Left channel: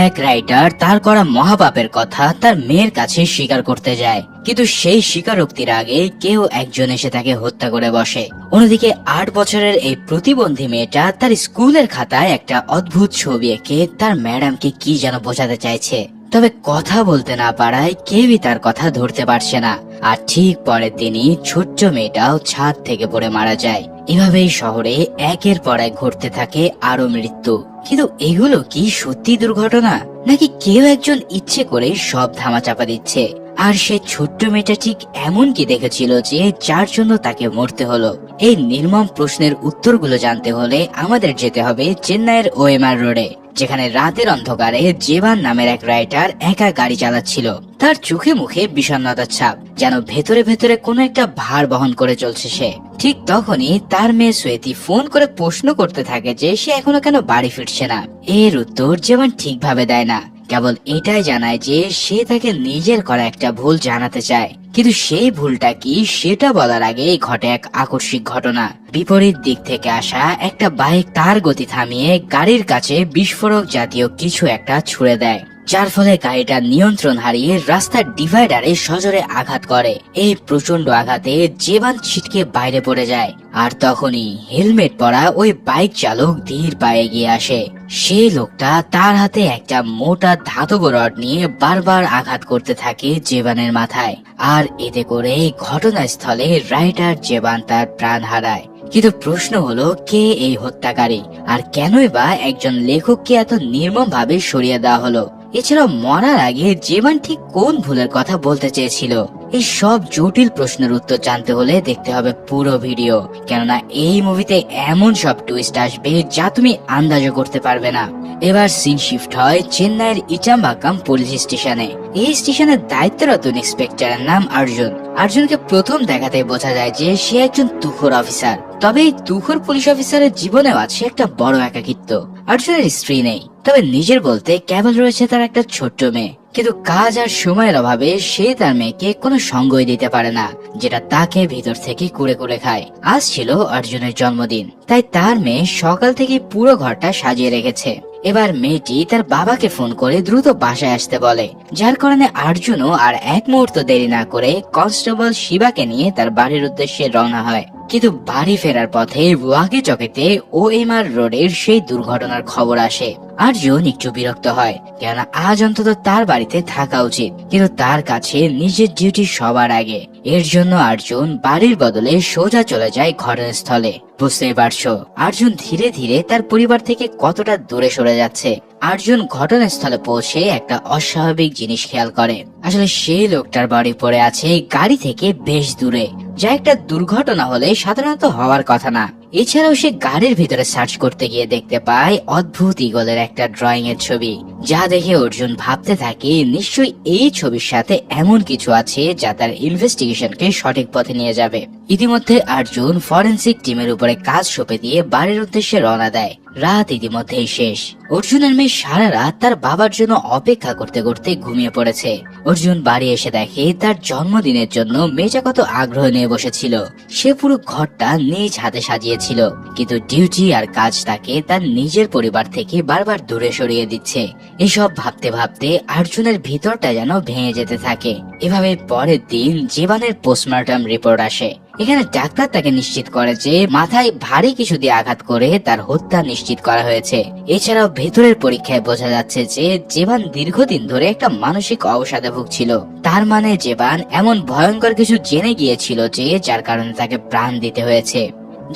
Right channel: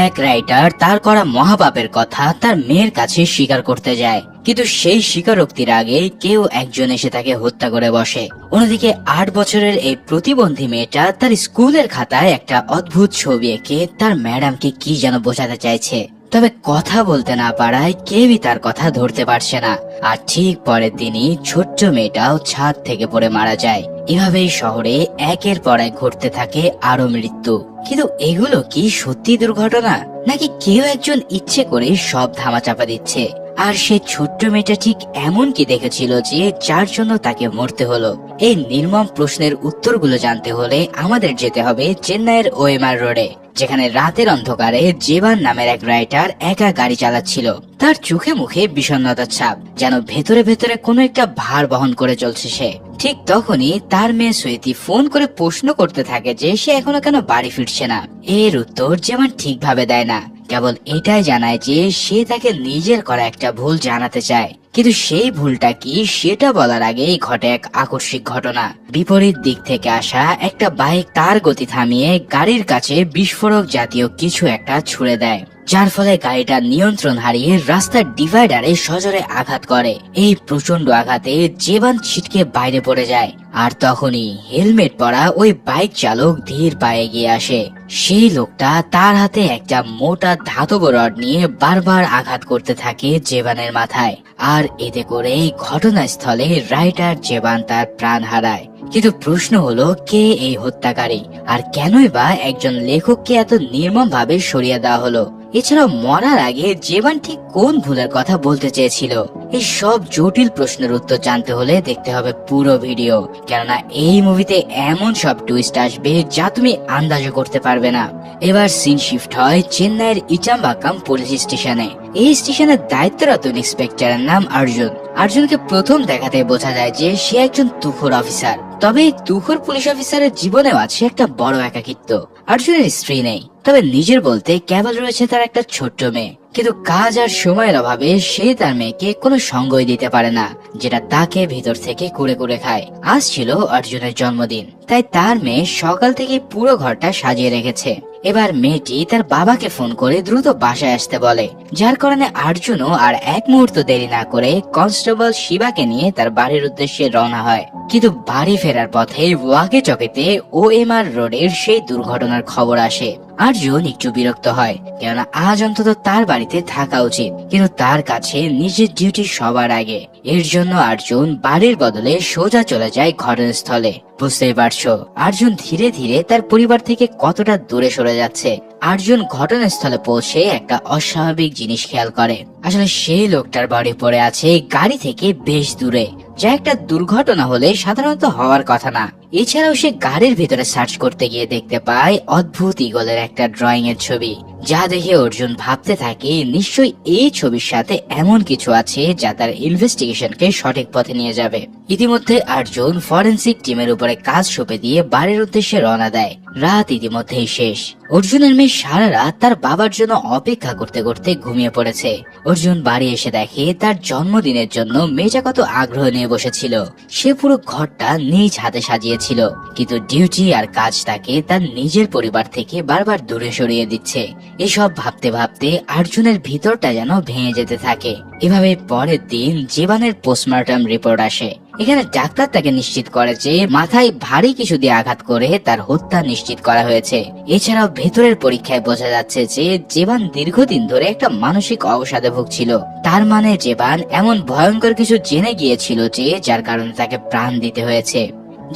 এক রাইটার তার করা মহাপাপের কথা তার মেয়ের কাছে স্বীকার করতে যায়, কিন্তু সেই স্বীকারোক্তির আগে কেউ একজন এসে তাকে হত্যা করে বসে। অন্যদিকে 8 বছরের এই প্রতিবন্ধী মেয়েটা তার স্কুলের খাতায় একটা অদ্ভুত ছবি এঁকে তার ম্যাডামকে কি যেন বোঝাতে চাইছে, তবে কথা বলতে না পারায় কেউই তার কথা ধরতে পারছে না। আর ঠিক পরের দিনই ছোট্ট মেয়েটাও ছাদ থেকে পড়ে মারা যায়। এভাবেই শহরে একের পর এক ঘটতে থাকে আরো মৃত্যু। কিন্তু এগুলো কি সত্যি দুর্ঘটনা, নাকি কেউ একজন ইচ্ছে করে সব ধামাচাপা দিচ্ছে? আর সে ছোট্ট মেয়েটা ঠিক এমন কি দেখেছিল যে যার জন্য তাকে মরতে হলো? এই নির্মম প্রশ্নের উত্তরগুলো জানতে হলে আমাদের যেতে হবে চেন্নাইয়ের ওএমআর রোডে, যেখানে রাতের অন্ধকারে জেবান নামের এক রাইটার একা গাড়ি চালাচ্ছিল। তার চোখে মুখে বিষণ্ণতার ছাপ, যেন ভেতরে ভেতরে কোনো একটা ভার বহন করে চলছে সে। ঠিক তখনই তার মেয়ে শ্বেতি ফোন করে প্রশ্ন করতে থাকে যে সে এখনো কেন বাড়ি ফিরছে না। এর উত্তর জেবান ঠিকভাবে দেয় না, কেবল এটাই জানায় যে সে তাকে নিজের করা একটা ভুল জানাতে চায়। কিন্তু সেই ভুলটা কি সেটা বলার আগেই ঘটে এক আকস্মিক ঘটনা। বিপরীত দিক থেকে আসা একটা বাইক তার গতি থামিয়ে গাড়ির কাছে বিস্ফোরক জাতীয় কিছু একটা ছুড়ে দেয়, যার ফলে গাড়িটা নিয়ন্ত্রণ হারিয়ে রাস্তার ডিভাইডারে সজোরে আঘাত করে। এই প্রচন্ড আঘাতে জেবান ছিটকে বাইরে পড়ে যায়। আর তখনই হেলমেট পরা ওই বাইক চালক ধীর পায়ে এগিয়ে আসে। সেই লোকটা তার হাতে একটা মোটা ধাতব রড নিয়ে বারবার আঘাত করতে থাকে জেবানের মাথায়। আর এতে করে ঘটনাস্থলে রাইটার জেবান তার প্রাণ হারায়। কিন্তু প্রশ্ন হলো, কে এই হত্যাকারী, আর কেনই বা একজন লেখককে এত নির্মম ভাবে সরিয়ে দেওয়া হলো? এছাড়াও মরার আগে জেবান ঠিক কোন ভুলের কথা বলতে চেয়েছিল? এই সব জটিল প্রশ্নের উত্তর জানতে হলে দেখতে হবে পুরো ভিডিও, কেননা এই মুভিতে এমন সব টুইস্ট আসবে যা তুমি আন্দাজও করতে পারবে না। এবার সিন শিফট হয় চেন্নাইয়ের ইটাম্বাকাম পুলিশ স্টেশনে। এই স্টেশনের দায়িত্বরত ইন্সপেক্টরের নাম অর্জুন। অর্জুনকে প্রথম দেখাতে বোঝা যায় যে সে একজন তুখোর অফিসার, তবে তুখোর পুলিশ অফিসারের জীবনেও আছে একটা বড় একাকিত্ব। অর্জুনের স্ত্রী নেই, তবে নিজের বলতে কেবল রয়েছে তার একটা ছোট্ট মেয়ে। কিন্তু কাজ আর সময়ের অভাবে সে তার মেয়েকে কোনো সঙ্গই দিতে পারে না, যেটা তাকে ভিতর থেকে কুড়ে কুড়ে খায়। আজ ছিল অর্জুনের জন্মদিন, তাই তার মেয়ে সকাল থেকে পুরো ঘরটা সাজিয়ে রেখেছে। এবার মেয়েটি তার বাবাকে ফোন করে দ্রুত বাসায় আসতে বলে, যার কারণে অর্জুনও আর এক মুহূর্ত দেরি না করে কনস্টেবল শিবাকে নিয়ে তার বাড়ির উদ্দেশ্যে রওনা হয়। কিন্তু বাড়ি ফেরার পথে ওয়াকে চকেতে ওএমআর রোডের সেই দুর্ঘটনার খবর আসে। অর্জুন একটু বিরক্ত হয়, কেননা আজ অন্তত তার বাড়িতে থাকা উচিত, কিন্তু তার কাছে নিজের ডিউটি সবার আগে। এর জন্য অর্জুন বাড়ির বদলে সোজা চলে যায় ঘটনাস্থলে। বুঝতেই পারছো অর্জুন ধীরে ধীরে তার পরিবার থেকে কতটা দূরে সরে যাচ্ছে। অর্জুন ঘটনাস্থলে পৌঁছে একটা অস্বাভাবিক জিনিস খেয়াল করে। আসলে সেই লোকটার বাড়ি পড়ে আছে গাড়ি থেকে বেশ দূরে, যা একটা দুর্ঘটনা হলে সাধারণত হওয়ার কথা না। এছাড়াও সে গাড়ির ভিতরে সার্চ করতে গিয়ে দেখতে পায় অদ্ভুত ঈগলের একটা ড্রয়িং এর ছবি, যা দেখে অর্জুন ভাবতে থাকে নিশ্চয়ই এই ছবির সাথে এমন কিছু আছে যা তার ইনভেস্টিগেশনকে সঠিক পথে নিয়ে যাবে। ইতিমধ্যে অর্জুন ফরেন্সিক টিমের উপরে কাজ সঁপে দিয়ে বাড়ির উদ্দেশ্যে রওনা দেয়। রাত ইতিমধ্যেই শেষ। অর্জুনের মেয়ে সারা রাত তার বাবার জন্য অপেক্ষা করতে করতে ঘুমিয়ে পড়েছে। অর্জুন বাড়ি এসে দেখে তার জন্মদিনের জন্য মেয়েটা কত আগ্রহ নিয়ে বসেছিল। সে পুরো ঘরটা নিজ হাতে সাজিয়েছিল, কিন্তু ডিউটি আর কাজ তাকে তার নিজের পরিবার থেকে বারবার দূরে সরিয়ে দিচ্ছে। এসব ভাবতে ভাবতে অর্জুনের ভিতরটা যেন ভেঙে যেতে থাকে। এভাবেই পরের দিন জীবনের পোস্টমর্টম রিপোর্ট আসে। এখানে ডাক্তার তাকে নিশ্চিত করে যে মাথায় ভারী কিছু দিয়ে আঘাত করে তার হত্যা নিশ্চিত করা হয়েছে। এছাড়াও ভেতরের পরীক্ষায় বোঝা যাচ্ছে যে জীবন দীর্ঘদিন ধরে একটা মানসিক অবসাদে ভুগছিল। তার মানে জীবন এমন ভয়ঙ্কর কিছু জেনে গিয়েছিল যে যার কারণে তাকে প্রাণ দিতে হয়েছে।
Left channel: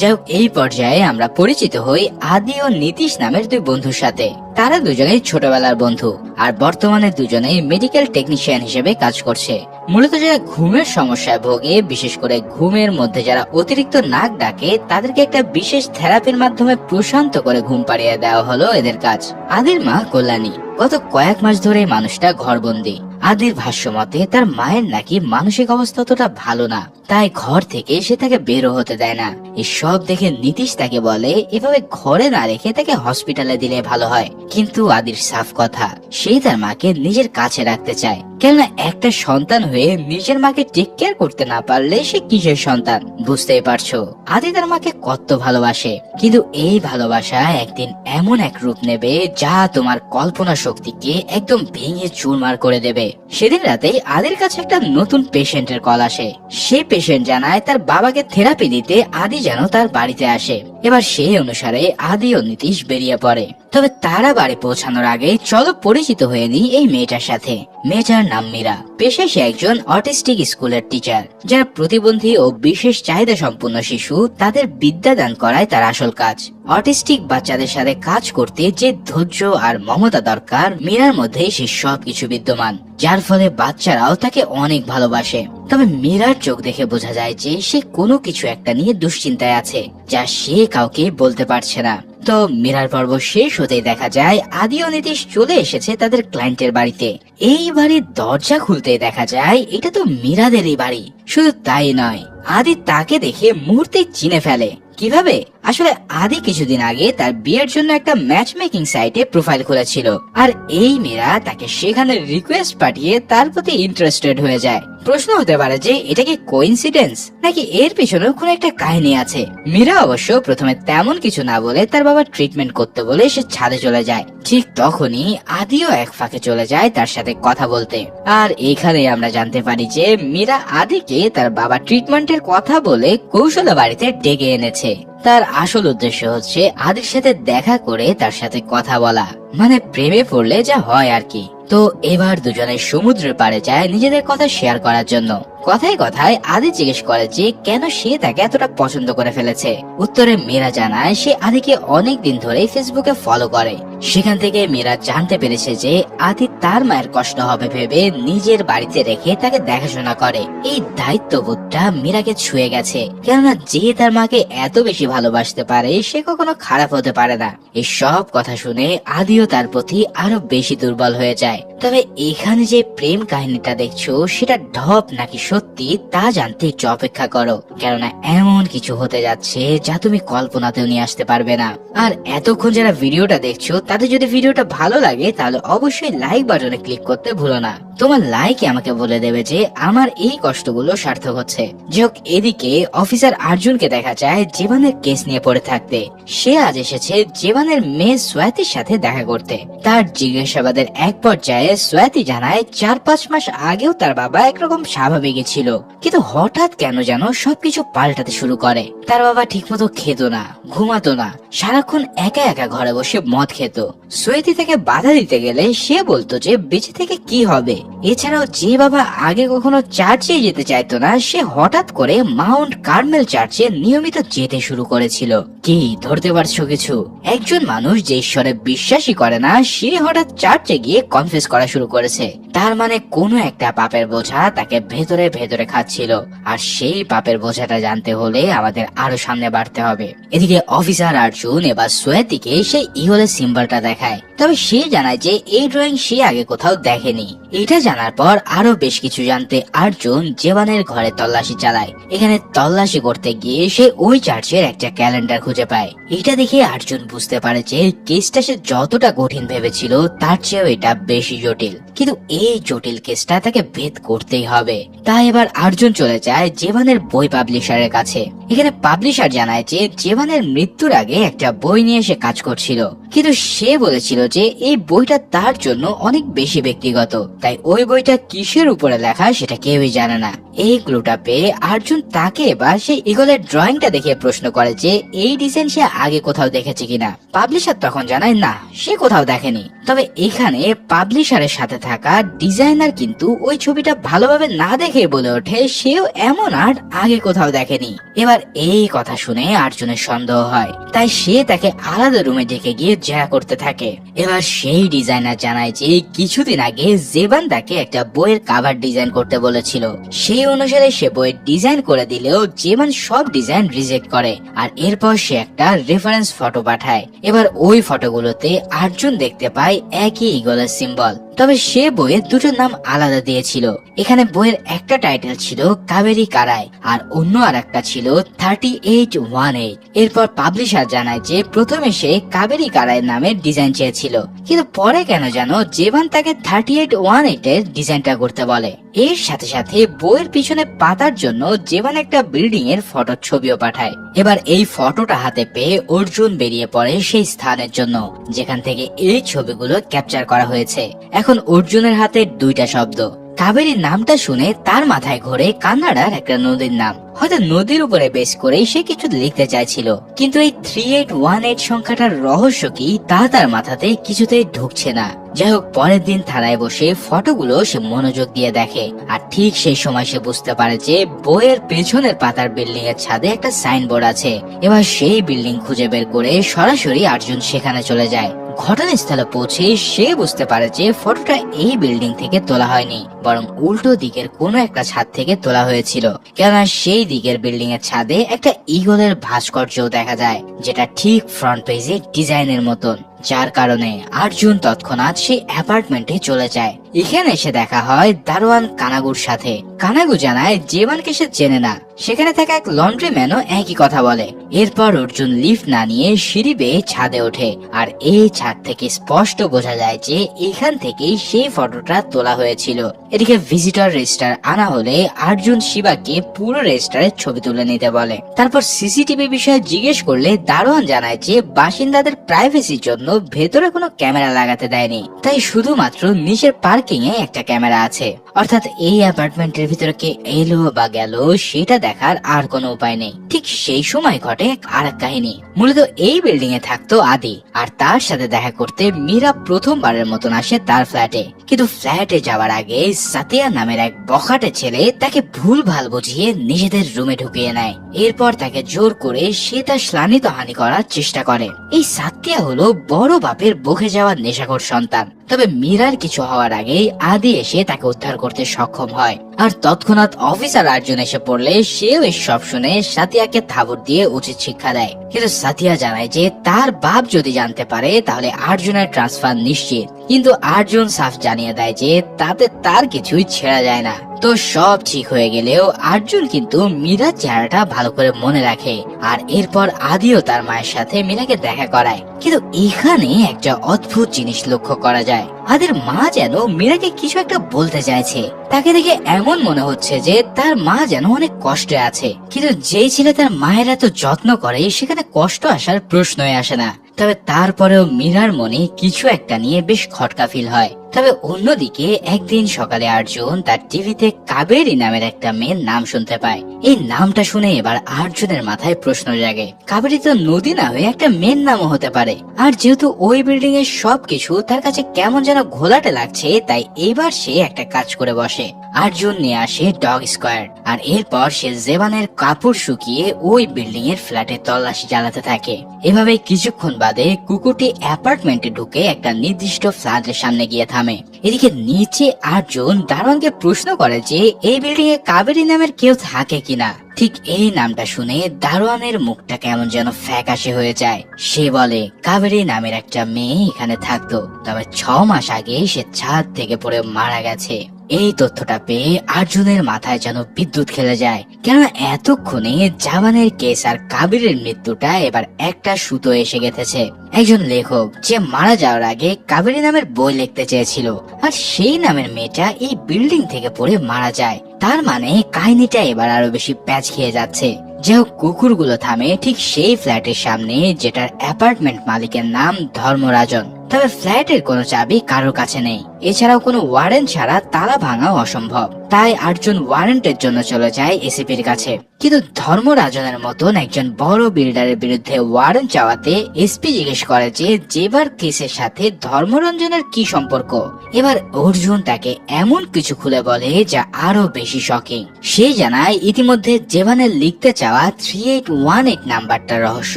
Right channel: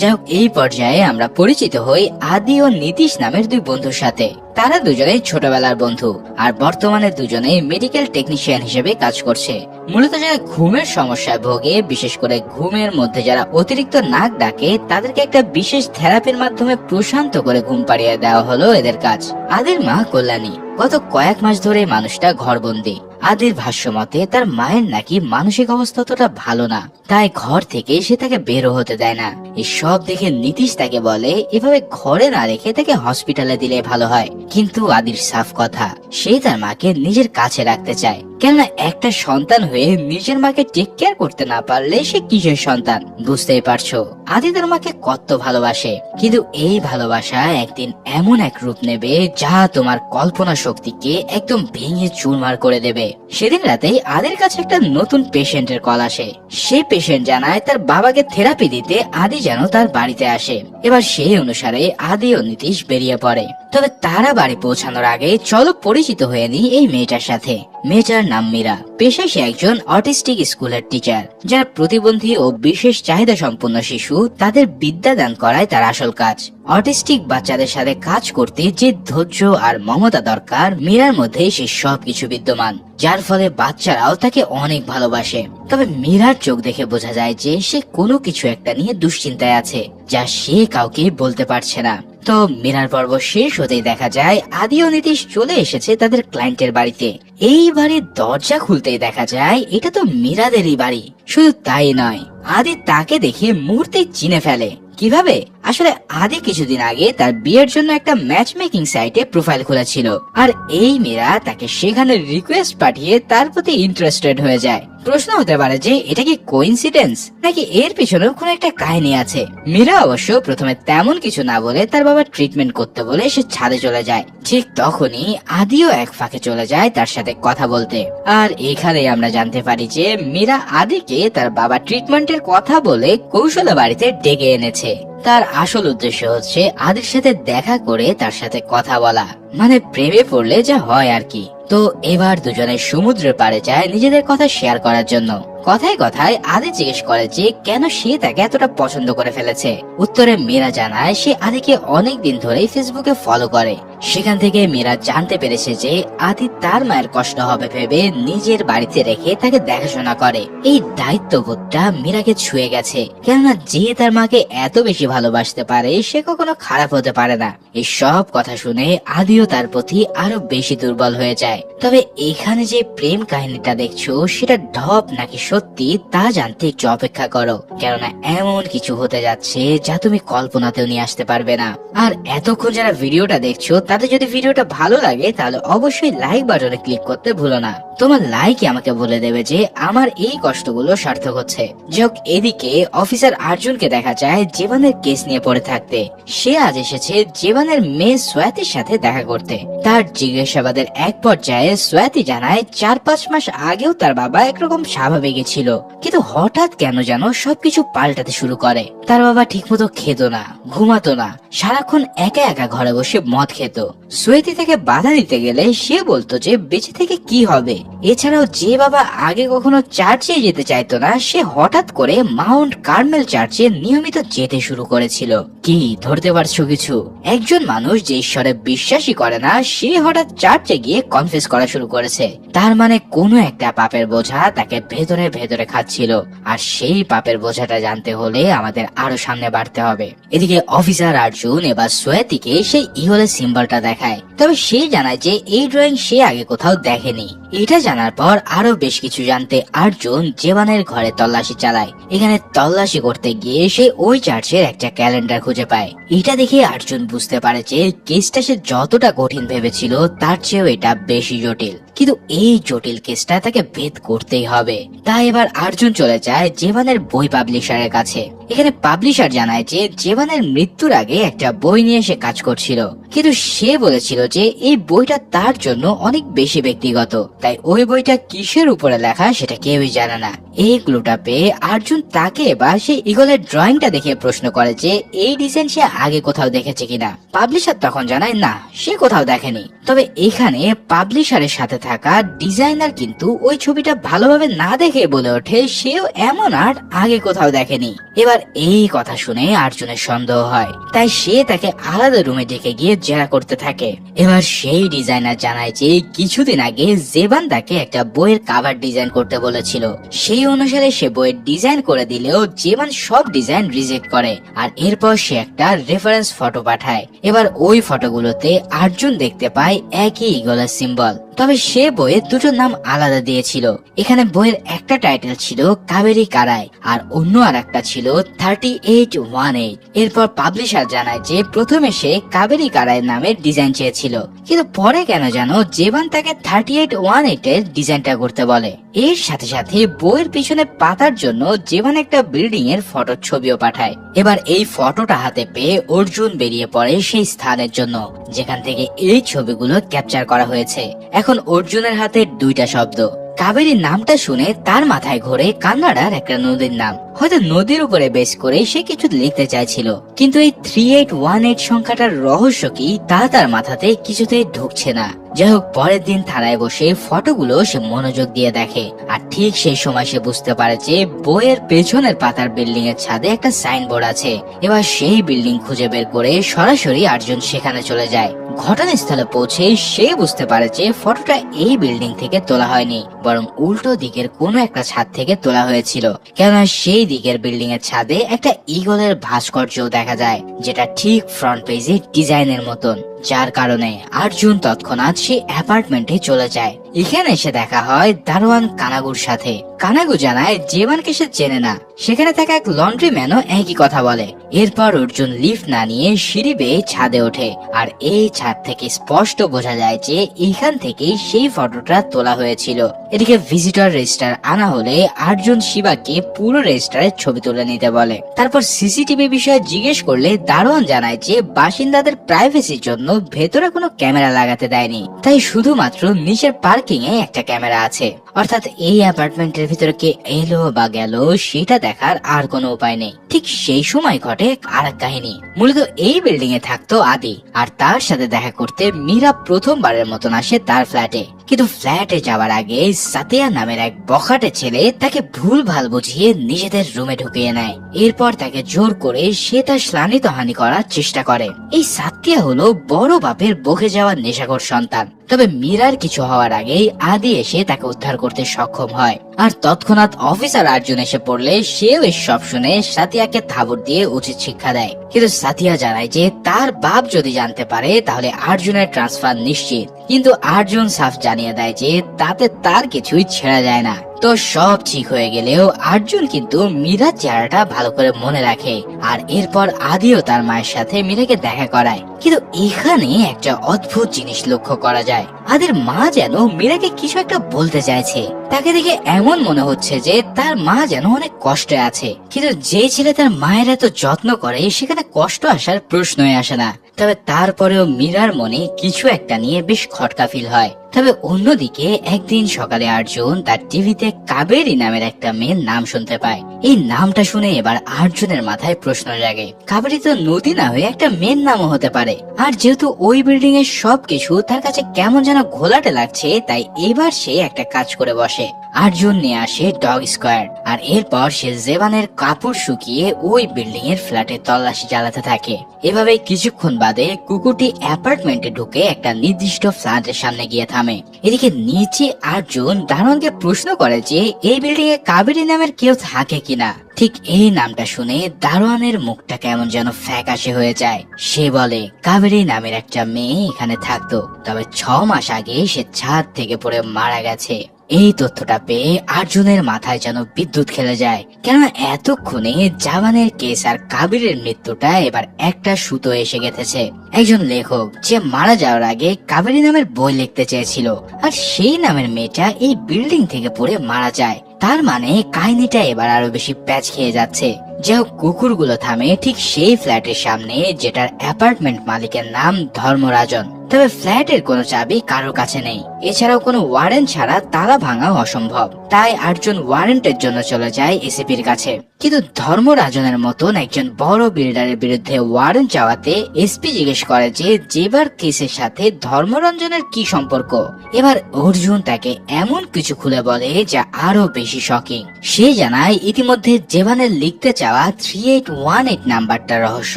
যাই হোক, এই পর্যায়ে আমরা পরিচিত হই আদি ও নীতিশ নামের দুই বন্ধুর সাথে। তারা দুজনেই ছোটবেলার বন্ধু, আর বর্তমানে দুজনেই মেডিকেল টেকনিশিয়ান হিসেবে কাজ করছে। মূলত যারা ঘুমের সমস্যায় ভোগে, বিশেষ করে ঘুমের মধ্যে যারা অতিরিক্ত নাক ডাকে, তাদেরকে একটা বিশেষ থেরাপির মাধ্যমে প্রশান্ত করে ঘুম পাড়িয়ে দেওয়া হলো এদের কাজ। আদির মা কল্যাণী গত কয়েক মাস ধরে মানুষটা ঘরবন্দি, আদির ভাষ্য মতে তার মায়ের নাকি মানসিক অবস্থা অতটা ভালো না, তাই ঘর থেকে সে তাকে বেরো হতে দেয় না। এসব দেখে নীতিশ তাকে বলে এভাবে ঘরে না রেখে তাকে হসপিটালে দিলে ভালো হয়। কিন্তু আদির সাফ কথা, সে তার মাকে নিজের কাছে রাখতে চায়, কেননা একটা সন্তান হয়ে নিজের মাকে টেক কেয়ার করতে না পারলে সে কিসের সন্তান? বুঝতেই পারছো আদি তার মাকে কত ভালোবাসে। কিন্তু এই ভালোবাসা একদিন এমন এক রূপ নেবে যা তোমার কল্পনা শক্তিকে একদম ভেঙে চুরমার করে দেবে। সেদিন রাতেই আদির কাছে একটা নতুন পেশেন্টের কল আসে। সে পেশেন্ট জানায় তার বাবাকে থেরাপি দিতে আদি যেন তার বাড়িতে আসে। এবার সেই অনুসারে আদি ও নীতিশ বেরিয়ে পড়ে। তবে তারা বাড়ি পৌঁছানোর আগে চলো পরিচিত হয়ে নি এই মেয়েটার সাথে। মেয়েটার নাম মীরা, পেশায় সে একজন অটিস্টিক স্কুলের টিচার। যারা প্রতিবন্ধী ও বিশেষ চাহিদা সম্পন্ন শিশু তাদের বিদ্যাদান করায় তার আসল কাজ। অটিস্টিক বাচ্চাদের সাথে কাজ করতে যে ধৈর্য আর মমতা দরকার মীরার মধ্যে সে সবকিছু বিদ্যমান, যার ফলে বাচ্চারাও তাকে অনেক ভালোবাসে। তবে মীরার চোখ দেখে বোঝা যায় যে সে কোনো কিছু একটা নিয়ে দুশ্চিন্তায় আছে, যা সে কাউকে বলতে পারছে না। তো মীরার পর্ব শেষ হতেই দেখা যায় আদি ও নীতিশ চলে এসেছে তাদের ক্লায়েন্টের বাড়িতে। এই বাড়ির দরজা খুলতেই দেখা যায় এটা তো মীরাদেরই বাড়ি। শুধু তাই নয়, আদি তাকে দেখে মুহূর্তে চিনে ফেলে। কিভাবে? আসলে আদি কিছুদিন আগে তার বিয়ের জন্য একটা ম্যাচ মেকিং সাইটে প্রোফাইল খুলেছিল, আর এই মীরা তাকে সেখানে রিকোয়েস্ট পাঠিয়ে তার প্রতি ইন্টারেস্টেড হয়ে যায়। প্রশ্ন হতে পারে যে এটা কি কোইন্সিডেন্স নাকি এর পিছনেও কোনো একটা কাহিনী আছে। মীরা অবশ্য প্রথমে তেমন কিছু না বলে তার বাবা ট্রিটমেন্ট করতে বলে সে ছাদে চলে যায়। ঠিক তখনই আদিও এক ফাঁকে চলে যায় তার সাথে কথা বলতে। আর এখানে আমরা জানতে পারি যে মীরা আদিকে তার বাবা ট্রিটমেন্টের কথা বলে কৌশলে বাড়িতে ডেকে এনেছে। তার আসল উদ্দেশ্য হচ্ছে আদির সাথে দেখা করে তার সাথে কথা বলা, মানে প্রেমে পড়লে যা হয় আর কি। তো এবার দুজনে সমুদ্রের পাড়ে যায় নিজেদের কথা শেয়ার করার জন্য। কথায় কথায় আদি জিজ্ঞেস করে যে কেন সে তাকে এতটা পছন্দ করে ফেলেছে। উত্তরে মীরা জানায় সে আদিকে অনেক দিন ধরেই ফেসবুকে ফলো করে। সেখান থেকে মীরা জানতে পেরেছে যে আদি তার মায়ের কষ্ট হবে ভেবে নিজের বাড়িতে রেখে তাকে দেখাশোনা করে। এই দায়িত্ববোধটা মীরাকে ছুঁয়ে গেছে, কেননা যে তার মাকে এত বেশি ভালোবাসতে পারে সে কখনো খারাপ হতে পারে না। এই সব কথা শুনে আদিও তার প্রতি আরো বেশি দুর্বল হয়ে যায়। তবে এখানে যে প্রেম কাহিনীটা দেখছো সেটা ঢপ নাকি সত্যি তা জানতে একটু অপেক্ষা করো, কেননা এমন কিছু হতে যাচ্ছে যা তুমি কল্পনাতেও নিয়ে আসতে পারবে না। আর এতক্ষণ যারা ভিডিওটা দেখছো তাদের যদি ভিডিওটা ভালো লাগে তাহলে অবশ্যই লাইক বাটনে ক্লিক করতে ভুলো না। তোমার লাইকই আমাকে বলে দেবে যে আমার এই কষ্টগুলো সার্থক হচ্ছে। যাক, এদিকে অফিসার অর্জুনকে দেখা যায় জীবনের কেস নিয়ে পড়ে থাকতে। সে আজ এসেছে জীবনের মেয়ে সোয়াতির সাথে দেখা করতে। তার জিজ্ঞাসাবাদের এক পর্যায়ে সোয়াতি জানায় 4-5 মাস আগেও তার বাবা একরকম স্বাভাবিকই ছিল, কিন্তু হঠাৎ কেন যেন সবকিছু পাল্টাতে শুরু করে। তার বাবা ঠিকমতো খেত না, ঘুমাতো না, সারাক্ষণ একা একা ঘরে বসে মদ খেত। সোয়াতি তাকে বাধা দিতে গেলে সে বলতো যে বেঁচে থেকে কি হবে। এছাড়াও যে বাবা আগে কখনো চার্চে যেতে চাইতো না সে হঠাৎ করে মাউন্ট কার্মেল চার্চে নিয়মিত যেতে শুরু করেছিল। কি ধরতে পারছো কিছু? একজন মানুষ যে ঈশ্বরে বিশ্বাসী করে না সে হঠাৎ চার্চে গিয়ে কনফেস করা শুরু করেছে। তার মানে কোনো একটা পাপের বোঝা তাকে ভেতরে ভেতরে খাচ্ছিল, আর সেই পাপের বোঝাটা জানতে হলে আমাদের আরো সামনে বাড়তে হবে। এদিকে অফিসার অর্জুন এবার সোয়াতিকে সেই ইগলের সিম্বলটা দেখায়। তবে সে জানায় যে এই ড্রয়িং সে আগে কোথাও দেখেনি। এটা জানার পর আরো বেশ কিছু জানতে অর্জুন জীবনের ঘরে তল্লাশি চালায়। এখানে তল্লাশি করতে গিয়ে সে ওই চার্চের একটা ক্যালেন্ডার খুঁজে পায়। এটা দেখে অর্জুন বুঝতে পারে যে কেসটা সে যতটা কঠিন ভেবেছিল তার চেয়েও এটা বেশি জটিল। কিন্তু এই জটিল কেসটা তাকে ভেদ করতেই হবে। তাই এবার অর্জুন চলে যায় জীবনের বই পাবলিশারের কাছে। এখানে পাবলিশার জানায় যে জীবনের মৃত্যুর আগে একটা বই নিয়ে সে কাজ করছিল, কিন্তু সে বলেছিল যে এই বইটা তার জন্য অনেক বেশি ব্যক্তিগত, তাই ওই বইটা কিসের উপরে লেখা সেটা কেউই জানে না। এই ক্লুটা পেয়ে অর্জুন তাকে এবার সেই ইগলের ড্রয়িংটা দেখে প্রশ্ন করে যে এই ডিজাইন সে আগে কোথাও দেখেছে কিনা। পাবলিশার তখন জানায় না, সে কোথাও দেখেনি। তবে এখানে পাবলিশারের সাথে থাকা ডিজাইনার কিন্তু ওই ছবিটা ভালোভাবে না দেখে বলে ওঠে সেও এমন আর্ট আগে কোথাও দেখেনি। এবার এই কথা শুনে অর্জুনের সন্দেহ হয়, তাই সে তাকে আলাদা রুমে ডেকে গিয়ে জেরা করতে থাকে। এবার সেই ডিজাইনার জানায় যে কিছুদিন আগে জেবান তাকে একটা বইয়ের কাভার ডিজাইন করতে বলেছিল। সেই অনুসারে সে বইয়ের ডিজাইন করে দিলেও জেবান সব ডিজাইন রিজেক্ট করে, আর এরপর সে একটা রেফারেন্স ফটো পাঠায়। এবার ওই ফটোগুলোতে অর্জুন দেখতে পায় একই ইগলের সিম্বল। তবে সে বইয়ের দুটো নাম আলাদা দিয়েছিল। এখানে বইয়ের একটা টাইটেল ছিল কাবেরী কারায় আর অন্য আর একটা ছিল 3818। এরপর পাবলিশার জানায় যে প্রথমে সে কাবেরী কারায় নামের ডিজাইন চেয়েছিল, কিন্তু পরে কেন জানো জেবান তাকে 3818 এর ডিজাইনটা করতে বলে। এর সাথে সাথে বইয়ের পিছনে পাতার জন্য জেবান একটা বিল্ডিং এর ফটোর ছবিও পাঠায়। এবার এই ফটোটা হাতে পেয়ে অর্জুন বেরিয়ে পড়ে সেই স্থানের জন্য যেখান থেকে এই ছবিগুলো ক্যাপচার করা হয়েছে। এখন অর্জুনের হাতে দুইটা শব্দ। কাবেরী নামটা শুনে তার মাথায় ঘোরে কান্নাডার একটা নদীর নাম। হয়তো নদীর উপরে বেস করে সে কিছু লিখতে চাইছিল, কিন্তু এই 3818 সংখ্যাটার রহস্য কি তা তার মাথাতে কিছুতেই ঢুকছে না। যাই হোক, পরের দিন থানায় বসে ফটোগুলো সে মনোযোগ দিয়ে দেখে, আর ঠিক সেই সময় সে বুঝতে পারে যে বইয়ের পেছনের পাতার বিল্ডিং এর ছাদে একটা সাইনবোর্ড আছে। এবার সেই বিল্ডিং খুঁজে বের করে সরাসরি আর্জুন সেখানে চলে যায়। ঘটনাস্থলে পৌঁছে সে বুঝতে পারে যে ফটোটা এই বিল্ডিং থেকে তোলা হয়নি, বরং উল্টো দিকের কোনো একটা ছাদ থেকে তোলা হয়েছিল। কেননা সেই দিকের বিল্ডিং এর ছাদে একটা ঈগলের ভাস্কর্য দেখা যায়, যেটা ঠিক ফ্রন্ট পেজে ডিজাইনের মতন, যার কারণে অর্জুন তৎক্ষণাৎ সেই অ্যাপার্টমেন্টে চলে যায়। এখানে এসে দেখা হয় দারোয়ান কানাগুর সাথে। কানাগু জানায় জেবানকে সে চেনে না। সেখানে থাকা এক লন্ড্রি ম্যানও একই কথা বলে। এরপর অর্জুন লিফট না নিয়ে সিঁড়ি বেয়ে ছাদে ওঠে, আর এই ছাদ থেকে স্পষ্ট বোঝা যায় যে এখান থেকেই সেই ফটোটা তোলা হয়েছিল। এদিকে ভিজিটর রেজিস্টার আনা হলে অর্জুন শিবাকে পুরো রেজিস্টারের ছবি তুলে নিতে বলে। তারপর সিসিটিভি বিষয়ে জিজ্ঞেস করলে দারোয়ান জানায় যে বাসিন্দাদের প্রাইভেসির জন্য ভেতরে কোনো ক্যামেরা লাগাতে দেয়নি, তাই শুধুমাত্র নিচের পার্কিং এ একটা ক্যামেরা আছে। অর্থাৎ এই অ্যাপার্টমেন্টের ভিতরে কে এলো বা গেল সেটা দেখার আর কোনো উপায় নেই। ঠিক সেই সময় ঘটে আর এক কাহিনী। মূলত এই বিল্ডিং এ থাকতো আদি, আর তার সাথে দেখা করতে মীরা প্রথমবারের মতন আসে তার ফ্ল্যাটে। কিন্তু ফ্ল্যাটে যাওয়ার আগে সাতিয়া নামের এক বখাটে ছেলে তাকে ভুল ভাল বুঝিয়ে নিজেদের রুমে ঢুকিয়ে নেয়। এরপর তাকে জোর করে সে তার শ্লানিতহানি করার চেষ্টা করে। এই সাতিয়া হলো বড় বাপের বকে যাওয়ার নেশাখোর সন্তান। তবে মীরার কিছু হওয়ার আগেই আদি এসে তাকে উদ্ধার করতে সক্ষম হয়, আর তৎক্ষণাৎ অফিসার অর্জুন এসে পড়লে সেও সব শুনে সাতিয়াকে থাবড় দিয়ে উচিত শিক্ষা দেয়। কিন্তু সাতিয়া জানায় যে তার বাপ যদি জানতে পারে তাহলে অর্জুনের ট্রান্সফার নিশ্চিত। কিন্তু অর্জুন সাফ জানিয়ে দেয় যে তাতে তার কিছুই ছেড়া যায় না। তো সব ঠিক হয়ে গেলেও অর্জুন কিন্তু মীরার চেহারাটা ভালো করে মনে রাখে, আর এরপর আদিও তার মায়ের সাথে মীরাকে দেখা করায়। কিন্তু এখানে একটা অদ্ভুত জিনিস লক্ষ্য করা যায়। আদির মা যেন মীরাকে কিছু একটা বলতে চাইছে। তাকে দেখে এমন মনে হচ্ছে যে তার মা যেন অনেক কষ্টে আছে, কিন্তু যে ছেলে তার মায়ের এত যত্ন করে সেখানে কষ্ট আসার প্রশ্নই আসে না। তবে তারপরেও মীরার মনে কিছু একটা নিয়ে বেশ খটকা ফিল হয়। তবে অন্যদিকে একদিন সকালে অর্জুন তার টিভিতে কাবেরী নামের একটা মেয়ের নাম শুনতে পায়। এই নামটা শুনে এবার অর্জুনের মাথায় প্রশ্ন জাগে, কাবেরী তো নদী না হয়ে একটা মেয়ের নামও হতে পারে। আর যেহেতু ওই বিল্ডিং এর সবকিছু তার কাছে কেমন যেন ঘোলাটে লাগছে, তাই এবার সে একটা কাজ করে বসে। অর্জুন নিয়ে আসে ডগ স্কোয়ার, আর এরপর সে জেবানের কাপড় শুকিয়ে ওই বিল্ডিং এর ফ্ল্যাটে তল্লাশি চালাতে থাকে। এভাবে কিছুক্ষণ বাদে কুকুরটি অ্যাপার্টমেন্টে ঢুকে একটা নির্দিষ্ট ফ্ল্যাটের সামনে গিয়ে থামে। এদিকে নিচে অর্জুন দারোয়ানকে প্রশ্ন করে যে এই বিল্ডিং এ কাবেরী নামের কেউ থাকে কিনা। ঠিক এই নামটা শুনে দারোয়ানের মুখটা কেমন যেন ফ্যাকাশে হয়ে যায়। সে বলে কাবেরী নামের একটা মেয়ে এখানে থাকতো, তবে 6 মাস আগে সে ছাদ থেকে পড়ে মারা গেছে। এই তথ্যটা পেয়ে অর্জুনের মাথায় যেন বিদ্যুৎ খেলে যায়, কেননা এতক্ষণে জাবানের কেস আর কাবিরের মৃত্যুটা এবার একটা সুতো এসে গেছে। একজন লেখক যে মারা যাওয়ার আগে কাবেরী নামের বই লিখতে চেয়েছিল, আর সেই নামের মেয়েটা এই বিল্ডিং থেকে পড়ে মারা যায়। তার মানে কাহিনীটা এবার আরো বেশি প্যাচ খেয়ে যাচ্ছে। যে কুকুরগুলো থামে ঠিক সেই ফ্ল্যাটের সামনে, যেটার অ্যাপার্টমেন্ট মালিকের নাম ধর্মরাজন। তবে ফ্ল্যাটের কোনো চাবি কারোর কাছে নেই, এছাড়াও কোনো ওয়ারেন্ট ছাড়া তালা ভাঙাও অসম্ভব। তাই অর্জুন ওয়ারেন্টের জন্য চলে যায় এসিপির কাছে। কিন্তু ধর্মরাজনের মতন একজন বড় বিল্ডারের বিরুদ্ধে ওয়ারেন্ট চাওয়াতে এসপি জিজ্ঞেস করে যে জেবার কেসের সাথে ধর্মরঞ্জনের কি সম্পর্ক। এবার অর্জুন তাকে এমন কিছু খুলে বলে যা আরো বেশি শকিং। সে জানায় ইতিমধ্যে জেবানের লিখতে চাওয়া 3818 নাম্বারটার রহস্য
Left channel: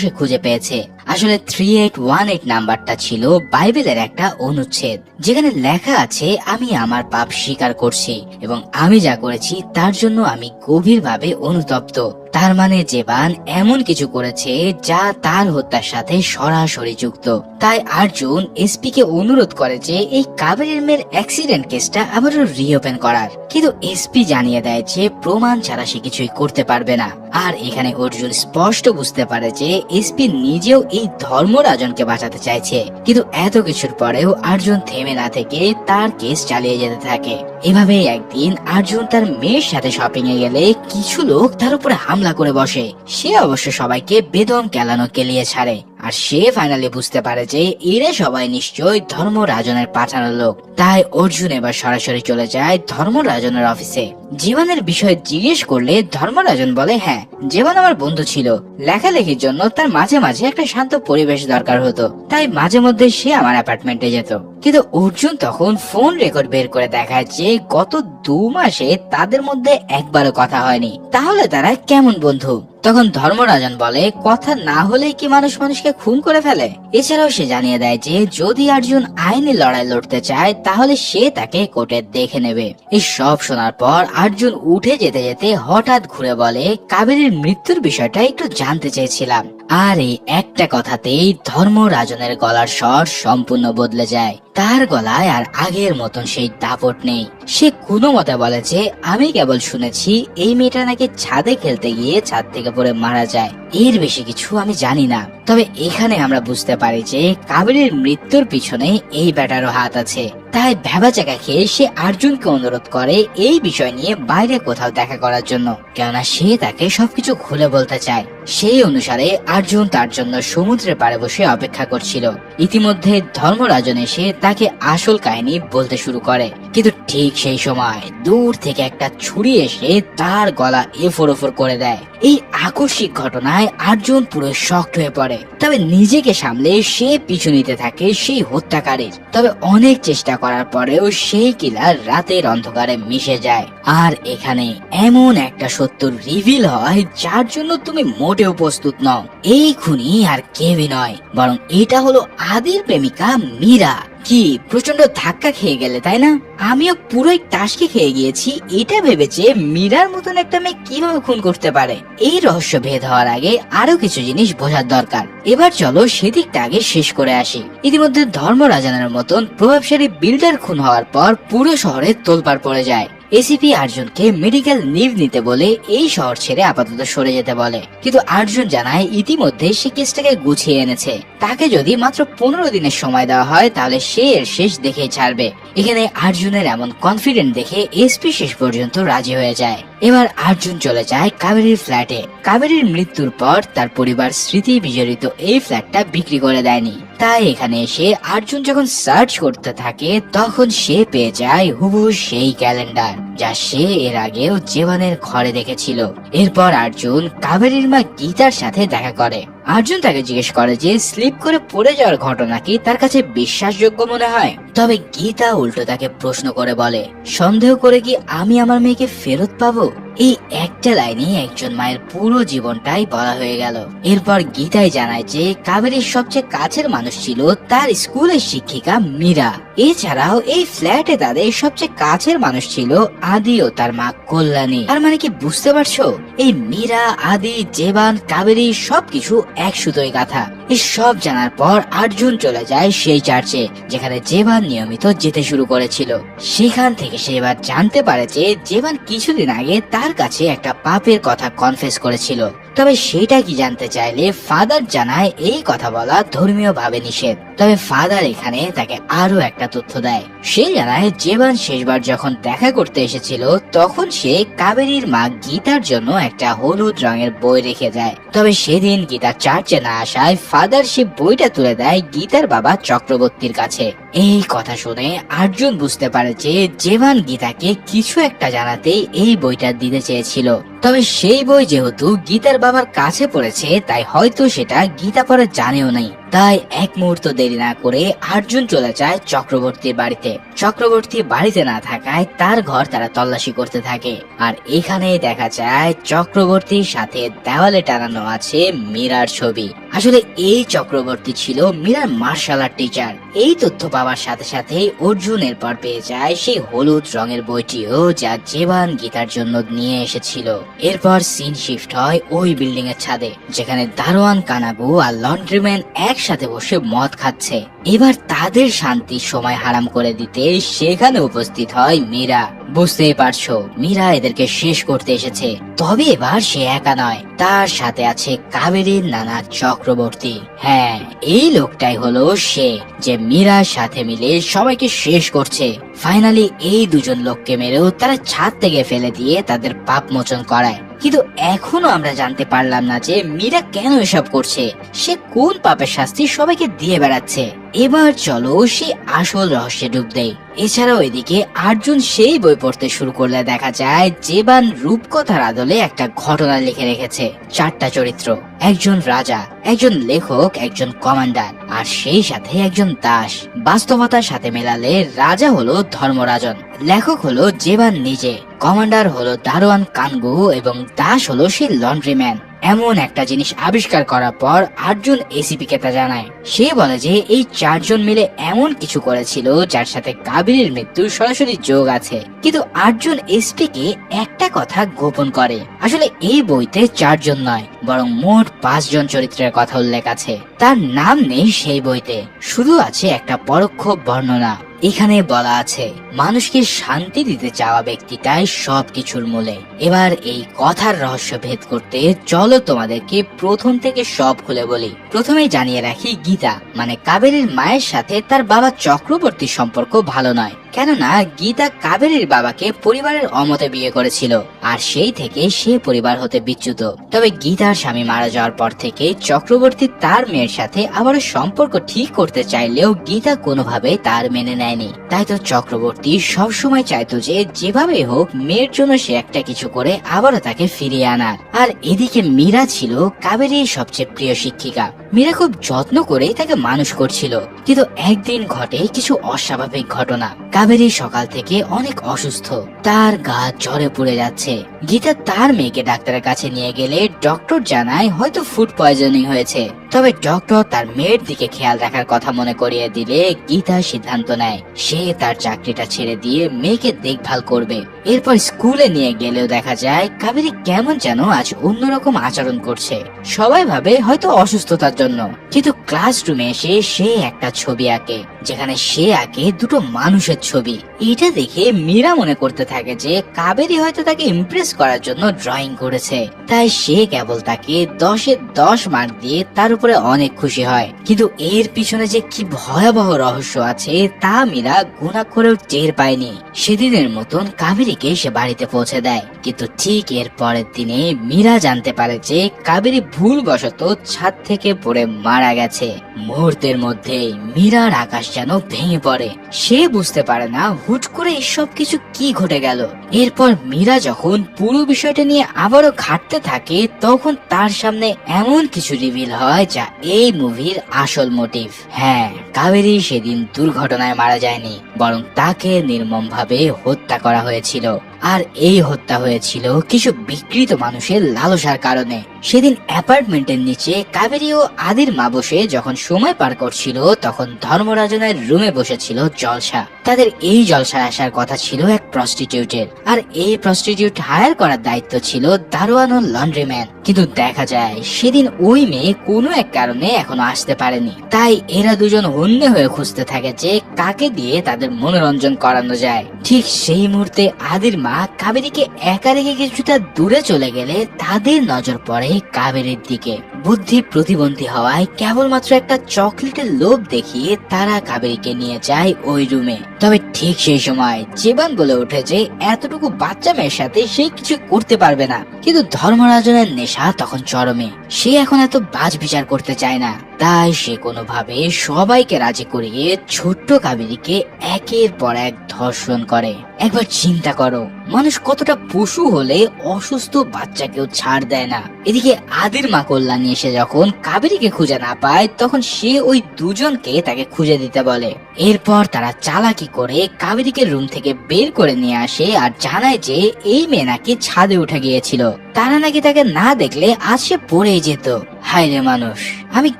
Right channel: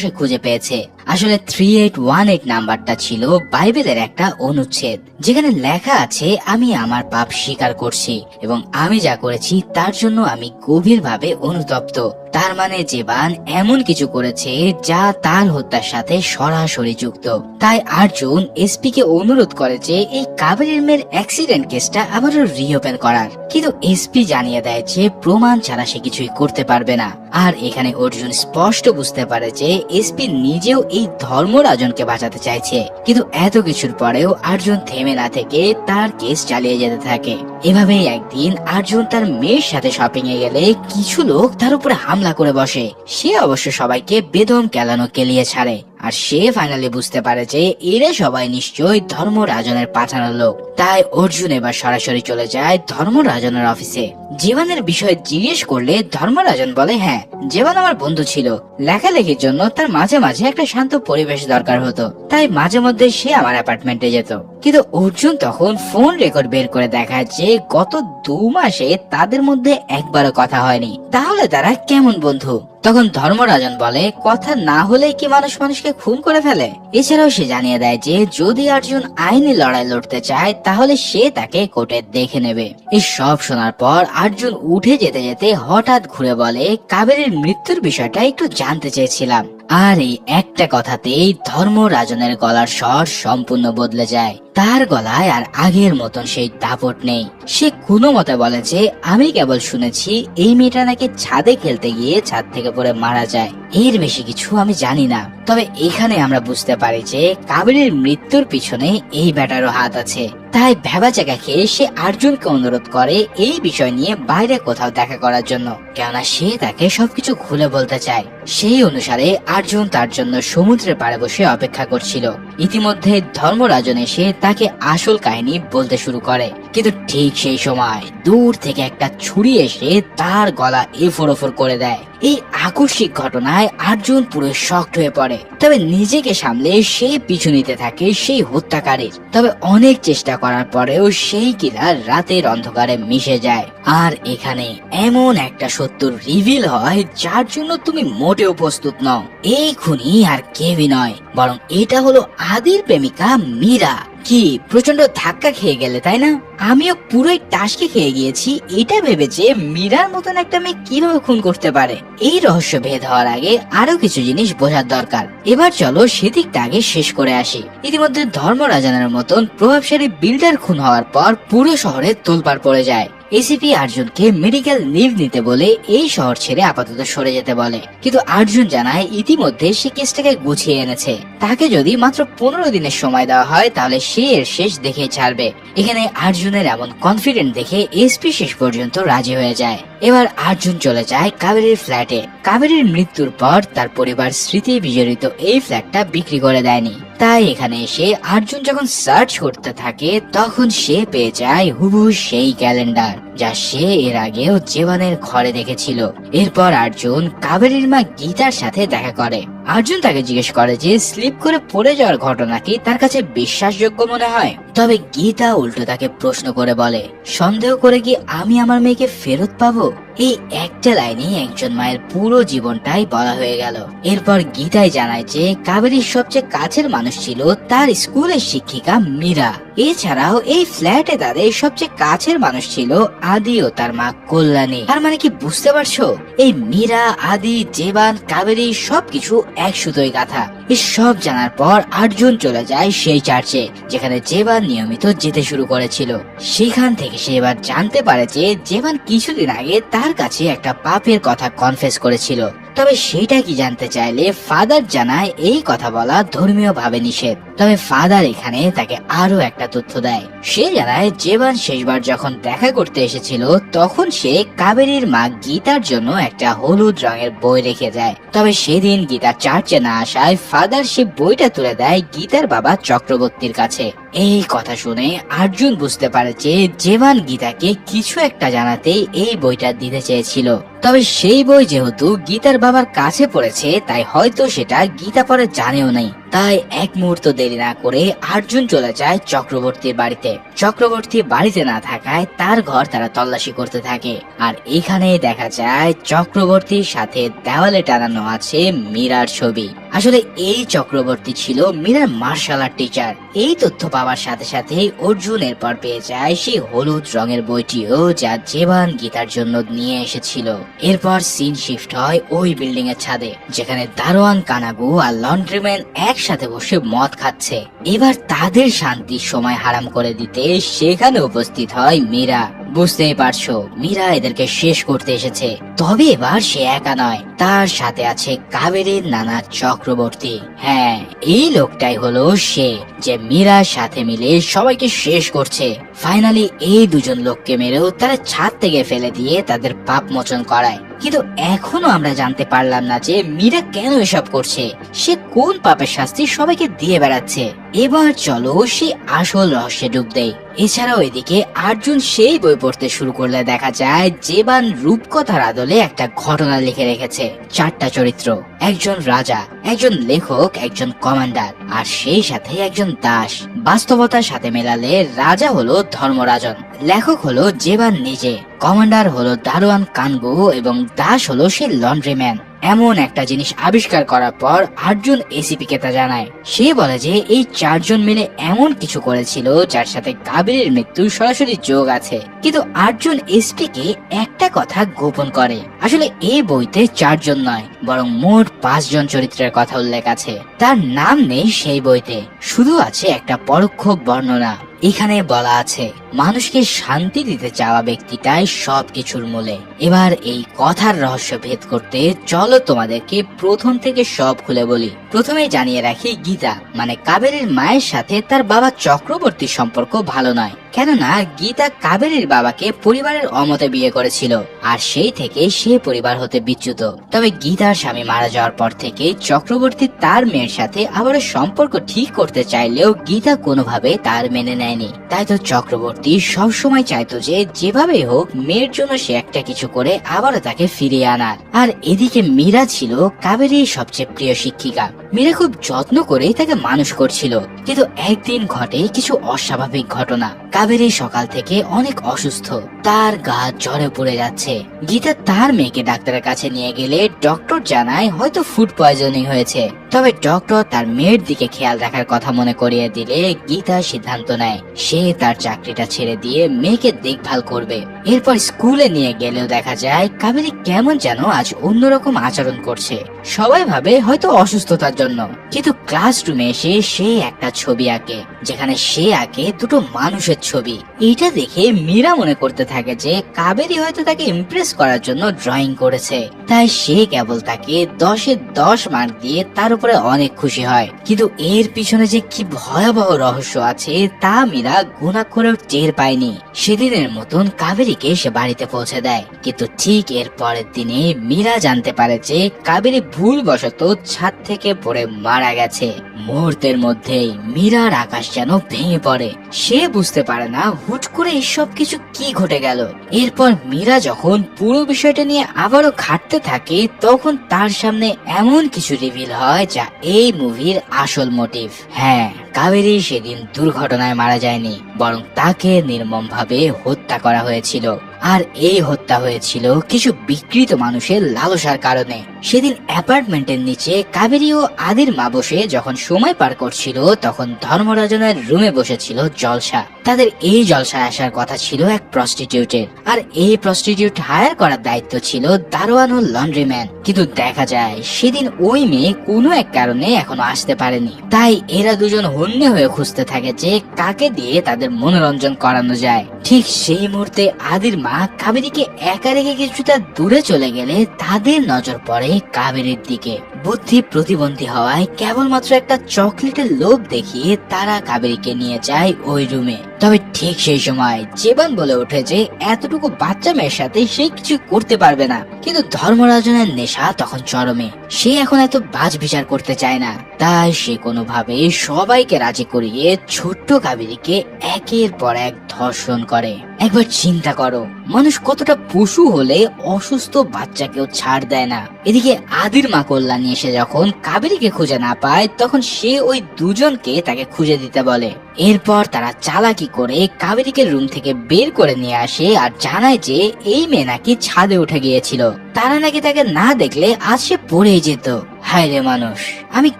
সে খুঁজে পেয়েছে। আসলে 3818 নাম্বারটা ছিল বাইবেলের একটা অনুচ্ছেদ, যেখানে লেখা আছে আমি আমার পাপ স্বীকার করছি এবং আমি যা করেছি তার জন্য আমি গভীরভাবে অনুতপ্ত। তার মানে জেবান এমন কিছু করেছে যা তার হত্যার সাথে সরাসরি যুক্ত। তাই আর্জুন এসপি কে অনুরোধ করে যে এই কাবেরীর মেয়ের অ্যাক্সিডেন্ট কেসটা আবারও রিওপেন করার, কিন্তু এসপি জানিয়ে দেয় যে প্রমাণ ছাড়া সে কিছুই করতে পারবে না। আর এখানে অর্জুন স্পষ্ট বুঝতে পারে যে এসপি নিজেও এই ধর্মরাজনকে বাঁচাতে চাইছে, কিন্তু এত কিছুর পরেও আর্জুন থেমে না থেকে তার কেস চালিয়ে যেতে থাকে। এভাবেই একদিন আর্জুন তার মেয়ের সাথে শপিং এ গেলে কিছু লোক তার উপরে হামলা করে বসে। সে অবশ্য সবাইকে বেদম কেলানো কেলিয়ে ছাড়ে, আর সে ফাইনালি বুঝতে পারে যে এরা সবাই নিশ্চয়ই ধর্মরাজনের পাঠানো লোক। তাই অর্জুন এবার সরাসরি চলে যায় ধর্মরাজনের অফিসে। জীবনের বিষয়ে জিজ্ঞেস করলে ধর্মরাজন বলে, হ্যাঁ জীবন আমার বন্ধু ছিল, লেখালেখির জন্য তার মাঝে মাঝে একটা শান্ত পরিবেশ দরকার হতো, তাই মাঝে মধ্যে সে আমার অ্যাপার্টমেন্টে যেত। কিন্তু অর্জুন তখন ফোন রেকর্ড বের করে দেখায় যে গত 2 মাসে তাদের মধ্যে একবারও কথা হয়নি, তাহলে তারা কেমন বন্ধু? তখন ধর্মরাজন বলে, কথা না হলে কি মানুষ মানুষকে খুন করে ফেলে? এছাড়াও সে জানিয়ে দেয় যে যদি অর্জুন আইনি লড়াই লড়তে চায় তাহলে সে তাকে কোর্টে দেখে নেবে। এই সব শোনার পর অর্জুন উঠে যেতে যেতে হঠাৎ ঘুরে বলে, কাবেরীর মৃত্যুর বিষয়টা একটু জানতে চেয়েছিলাম। আর এই একটা কথাতেই ধর্মরাজনের গলার স্বর সম্পূর্ণ বদলে যায়। তার গলায় আর আগের মতন সেই দাপট নেই। সে কোনো মতে বলে যে আমি কেবল শুনেছি এই মেয়েটা নাকি ছাদে খেলতে গিয়ে ছাদ থেকে পড়ে মারা যায়, এর বেশি কিছু আমি জানি না। তবে এখানে আমরা বুঝতে পারি যে কাবেরীর মৃত্যুর পিছনে এই ব্যাটারও হাত আছে। তাই ভেবাচাকা খেয়ে সে অর্জুনকে অনুরোধ করে এই বিষয় নিয়ে বাইরে কোথাও দেখা করার জন্য, কেননা সে তাকে সবকিছু খুলে বলতে চায়। সেই অনুসারে অর্জুন তার জন্য সমুদ্রের পাড়ে বসে অপেক্ষা করছিল। ইতিমধ্যে ধর্মরাজন এসে তাকে আসল কাহিনী বলতে শুরু করে, কিন্তু ঠিক সেই সময় দূর থেকে একটা ছুরি এসে তার গলা এফোর করে দেয়। এই আকস্মিক ঘটনায় অর্জুন পুরো শকড হয়ে পড়ে। তবে নিজেকে সামলে সে পিছু নিতে থাকে সেই হত্যাকারীর। তবে অনেক চেষ্টা করার পরেও সেই কিলার রাতের অন্ধকারে মিশে যায়। আর এখানে এমন একটা সত্য রিভিল হয় যার জন্য তুমি মোটেও প্রস্তুত নও। এই খুনি আর কেউই নয়, বরং এটা হলো আদির প্রেমিকা মীরা। কি প্রচন্ড ধাক্কা খেয়ে গেলে তাই না? আমিও পুরোই টাসকে খেয়ে গিয়েছি এটা ভেবেছে মীরার মতন একটা মেয়ে কিভাবে খুন করতে পারে। এই রহস্য ভেদ হওয়ার আগে আরো কিছু জিনিস বোঝার দরকার। এবার চলো সেদিকটা আগে শেষ করে আসি। ইতিমধ্যে ধর্মরাজানের মতন প্রভাবশালী বিল্ডার খুন হওয়ার পর পুরো শহরে তোলপাড় পড়ে যায়। এসিপি অর্জুনকে মেডিকেল লিভ নিতে বলে এই শহর ছেড়ে আপাতত সরে যেতে বলে, কিন্তু অর্জুন জানায় ইতিমধ্যে সে কেসটাকে গুছিয়ে এনেছে। তাকে যদি মাত্র 15 দিনের সময় দেওয়া হয় তাহলে সে এর শেষ দেখে ছাড়বে। এখানে অর্জুনের এমন কনফিডেন্ট দেখে এসপি শেষ পর্যন্ত রাজি হয়ে যায়। এবার অর্জুন চলে যায় কাবেরীর ফ্ল্যাটে। কাবেরীর মৃত্যুর পর তার পরিবার স্মৃতি বিজড়িত এই ফ্ল্যাটটা বিক্রি করে দেয়নি। তাই এখানে এসে অর্জুন যখন সার্চ করতে থাকে তখন সে পেয়ে যায় হুবহু সেই ক্যালেন্ডার যা সে এর আগেও জীবনের ঘরে দেখেছিল। এরপর অর্জুন কাবেরীর মা গীতার সাথে দেখা করে। অর্জুন তাকে জিজ্ঞেস করে যে স্লিপ করে পড়ে যাওয়ার ঘটনা কি তার কাছে বিশ্বাসযোগ্য মনে হয়। তবে গীতা উল্টো তাকে প্রশ্ন করে বলে, সন্দেহ করে কি আমি আমার মেয়েকে ফেরত পাবো? এই একটা লাইনে একজন মায়ের পুরো জীবনটাই বলা হয়ে গেল। এরপর গীতাই জানায় যে কাবেরীর সবচেয়ে কাছের মানুষ ছিল তার স্কুলের শিক্ষিকা মীরা। এছাড়াও এই ফ্ল্যাটে তাদের সবচেয়ে কাছের মানুষ ছিল আদি ও তার মা কল্যাণী। আর মানে কি বুঝতে পারছো, এই মীরা, আদি, জেবান, কাবেরী সবকিছু এক সুতোয় গাঁথা। এই সব জানার পর অর্জুন চলে যায় সেই চার্চে যেখানে জেবান নিয়মিত যেতে শুরু করেছিল। সেখান থেকে সে এবার জানতে পারে যে জেবান কিছুদিন আগে তার কাছে একটা পাপের কথা কনফেস করেছিল। তবে সেটা কি জানতে চাইলে ফাদার জানায় এই কথা বলা ধর্মীয় ভাবে নিষেধ। তবে ফাদার এখানে তাকে আরো একটা তথ্য দেয়। সে জানায় জেবান শেষবার যখন দেখা করতে এসেছিল তখন সে কাবেরীর মা গীতার জন্য একটা হলুদ রঙের বই রেখে দেয়। তবে সেদিন গীতা চার্চে না আসায় ফাদার সে বইটা তুলে দেয় গীতার বাবা চক্রবর্তীর কাছে। এই কথা শুনে অর্জুন বুঝতে পারে যে জেবান গীতাকে কিছু একটা জানাতে এই বইটা দিতে চেয়েছিল। তবে সেই বই যেহেতু গীতার বাবার কাছে পড়েছে তাই হয়তো সেটা গীতা পরে জানেও নাই। তাই এক মুহূর্ত দেরি না করে আর্জুন চলে যায় চক্রবর্তীর বাড়িতে। চক্রবর্তী বাড়িতে না থাকায় তার ঘর তারা তল্লাশি করতে থাকে, আর এখানেই দেখা যায় চক্রবর্তীর সাথে দেওয়ালে টানানো আছে মীরার ছবি। আসলে এই চক্রবর্তী ছিল মীরার মার্শাল আর্ট টিচার। এই তথ্য পাওয়ার সাথে সাথে অর্জুন এরপর পেয়ে যায় সেই হলুদ রঙের বইটিও যা জেবান গীতার জন্য নিয়ে এসেছিল। এরপর সিন শিফট হয় ওই বিল্ডিং এর ছাদে, যেখানে দারোয়ান কানাগু আর লন্ড্রিম্যান একসাথে বসে মদ খাচ্ছে। এবার তাদের শান্তির সময় হারাম করে দিতে সেখানে উপস্থিত হয় মীরা। বুঝতেই পারছো, মীরা এদেরকে শেষ করতে এসেছে। তবে এবার সে একা নয়, তার সাথে আছে কাবেরীর নানা চক্রবর্তী। হ্যাঁ, এই লোকটাই হলো সে যে মীরার সাথে মিলে সবাইকে শেষ করছে। ফাইনালি এই দুজন লোককে মেরেও তারা ছাদ থেকে ফেলে দিয়ে তাদের পাপ মোচন করায়। কিন্তু এখনো আমরা জানতে পারলাম না যে মীরা কেন এসব করছে, সে কোন পাপের শাস্তি সবাইকে দিয়ে বেড়াচ্ছে। এবার চলো সে আসল রহস্যে ডুব দেই। এছাড়াও এদিকে আর্জুন সেই বই পড়তে শুরু করলে দেখা যায় জেবান রূপকথার আদলে একটা ঘটনা লিখে রেখেছে। 4টা চরিত্র, একজন রাজা, একজন লেখক, একজন কমান্ডার, আর সেই সাথে একজন দাস। বাস্তবতার সাথে মেলালে রাজা হলো ধর্মরাজন, লেখক হলো জেবান নিজে, কমান্ডার হলো দারোয়ান কানগু এবং দাস হলো সেই লন্ড্রিম্যান। এমন একটা জিনিস আবিষ্কার করার পর আর্জুন এসিপি কে তা জানায়। সে বলে যে এই 4 জন মিলে এমন কিছু করেছিল যার সাথে কাবেরীর মৃত্যুর সরাসরি যোগ আছে। কিন্তু আর্জুন এসপি কে একটা কথা গোপন করে, আসলে এই বইতে 4 জন নয় বরং মোট 5 জন চরিত্রের কথা উল্লেখ আছে। তার নাম নেই সেই বইতে, শুধু আছে একটা পরোক্ষ বর্ণনা। এখানে বলা আছে মানুষকে শান্তি দিতে চাওয়া ব্যক্তিটাই সবকিছুর মূলে। এবার এই কথার রহস্য ভেদ করতে চলো তোমাদেরকে প্রথম থেকে সব খুলে বলি। প্রথমেই জানিয়ে রাখি, গীতা মানে কাবেরীর মায়ের সাথে তার বাবা চক্রবর্তীর সম্পর্ক ভালো নয়, কেননা গীতা কাবেরীর বাবাকে পরিবারের অমতে বিয়ে করেছিল, আর সেই থেকে সে পরিবার হতে বিচ্যুত। তবে গীতার স্বামী মারা যাওয়ার পর থেকে চক্রবর্তী তার মেয়ের সাথে আবারও সম্পর্ক ঠিক করতে চাইলেও গীতা কোনোভাবে তার মেনে নেয়নি। তাই তো চক্রবর্তী সবসময় চাইতো যে যেভাবে হোক মেয়ের জন্য সে একটা কিছু করে আবারও তাকে ফিরিয়ে আনার। আর এদিকে মীরা ছিল কাবেরীর সবচেয়ে প্রিয় শিক্ষিকা। মীরা খুব যত্ন করে তাকে মানুষ করছিল, কিন্তু একদিন ঘটে কিছু অস্বাভাবিক ঘটনা। কাবেরী সকাল থেকে অনেক অসুস্থ, তার গা জ্বরে পড়ে যাচ্ছে। গীতা তার মেয়েকে ডাক্তারের কাছে নিয়ে গেলে ডক্টর জানায় হয়তো ফুড পয়জনিং হয়েছে। তবে ডক্টর তার মেয়ের দিকে খেয়াল রাখার কথা মনে করিয়ে দিলে গীতা সিদ্ধান্ত নেয় সে তার চাকরিটা ছেড়ে দিয়ে মেয়েকে দেখভাল করবে। এরপর স্কুলে নিয়ে গেলেও দেখা যায় কাবেরী কেমন যেন আজ অন্যরকম আচরণ করছে। সবাই ভাবে হয়তো অসুস্থতার জন্য, কিন্তু ক্লাসরুমে এসে সে একটা ছবি আঁকে, যেখানে সে আঁকে দুটো মানুষের ছবি। এটা দেখে মীরা মনে করতে থাকে যে কাবেরী হয়তো তাকে ইমপ্রেস করার জন্য ড্রয়িং করেছে, তাই সে কেবল তাকে 10-এ 10 মার্ক দিয়ে তার উপরে অনেক খুশি হয়। কিন্তু এর পিছনে যে কি ভয়াবহ রহস্য আছে তা মীরা গুণা করেও টের পায়নি। সেদিনের মতন কাবেরীকে সে বাড়িতে পৌঁছে দেয়, কিন্তু ঠিক এর পরের দিনে মীরা জানতে পারে যে কাবেরী ভুলবশত ছাদ থেকে পড়ে মারা গেছে। মুহূর্তের মধ্যেই মীরার আকাশ যেন ভেঙে পড়ে। সে বুঝতে পারে না হুট করে এসব কিছু কি ঘটে গেল। এরপর মীরা যখন পুরো বিষয়টা নিয়ে আবারও ঘাটতে থাকে, তখন তার সামনে এমন কিছু রিভিল হয় যা এই মুভির আসল মোটিভ। হ্যাঁ, কাবেরী সেদিন দুর্ঘটনায় মারা যায়নি, বরং তাকে নির্মমভাবে হত্যা করা হয়েছিল। আর এই হত্যা হয়েছিল কিছু বিকৃত মানুষের লালসার কারণে। সেদিন অ্যাপার্টমেন্টের নিচে কাবেরী ও আদির মা বসে যখন সময় পার করছিল, তখন ধর্মরাজনের রুমে বসেছিল জলসা। তাদের এই জলসায় আসার কথা ছিল এক প্রস্টিটিউটের, আর এই প্রস্টিটিউট হায়ার করার দায়িত্ব ছিল দারোয়ান ও লন্ড্রিম্যান। কিন্তু দেখা যায় সেদিন ওই মেয়ে কোনো এক কারণে এখনো আসতে পারেনি। তাই এরা দুজন হন্যে হয়ে খুঁজতে থাকে যে কাকে দিয়ে তাদের মনোরঞ্জন করানো যায়। ঠিক সেই মুহূর্তে আদির মা কাবেরীকে একা রেখে কিছুটা দূরে চলে গেলে তাদের নজর পড়ে কাবেরীর দিকে। বুদ্ধি প্রতিবন্ধী হওয়ায় কেবলমাত্র একটা চকলেটের লোভ দেখিয়ে তারা কাবেরীকে নিয়ে যায় ওই রুমে। তবে ঠিক সেই সময় জীবন বলে ওঠে যে এতটুকু বাচ্চা মেয়ের সাথে সে কিছু করতে পারবে না। কিন্তু ধর্মরাজনের নেশা তখন চরমে, সে এখন এত বাজ বিচার করতে চায় না। তাই সে কোনোভাবে সবাইকে রাজি করিয়ে ছোট্ট কাবেরীকে একের পর এক ধর্ষণ করে। একবার চিন্তা করো, মানুষ কতটা পশু হলে অসুস্থ বাচ্চাকেও ছাড় দেয় না। এদিকে আদির মা কল্যাণী এসে যখন কাবেরীকে খুঁজে না পায়, তখন সে ওই দুজনকে তাকে খুঁজে দিতে বলে। এরপর তারা চালাকি করে কাবেরীকে রুম থেকে বের করে নিয়ে আসে আর জানায় যে এই মেয়ে নাকি ছাদে উঠে গিয়েছিল, তারা নাকি তাকে না দেখলে আজ সে পড়েই যেত। হায় রে মানুষ, আমি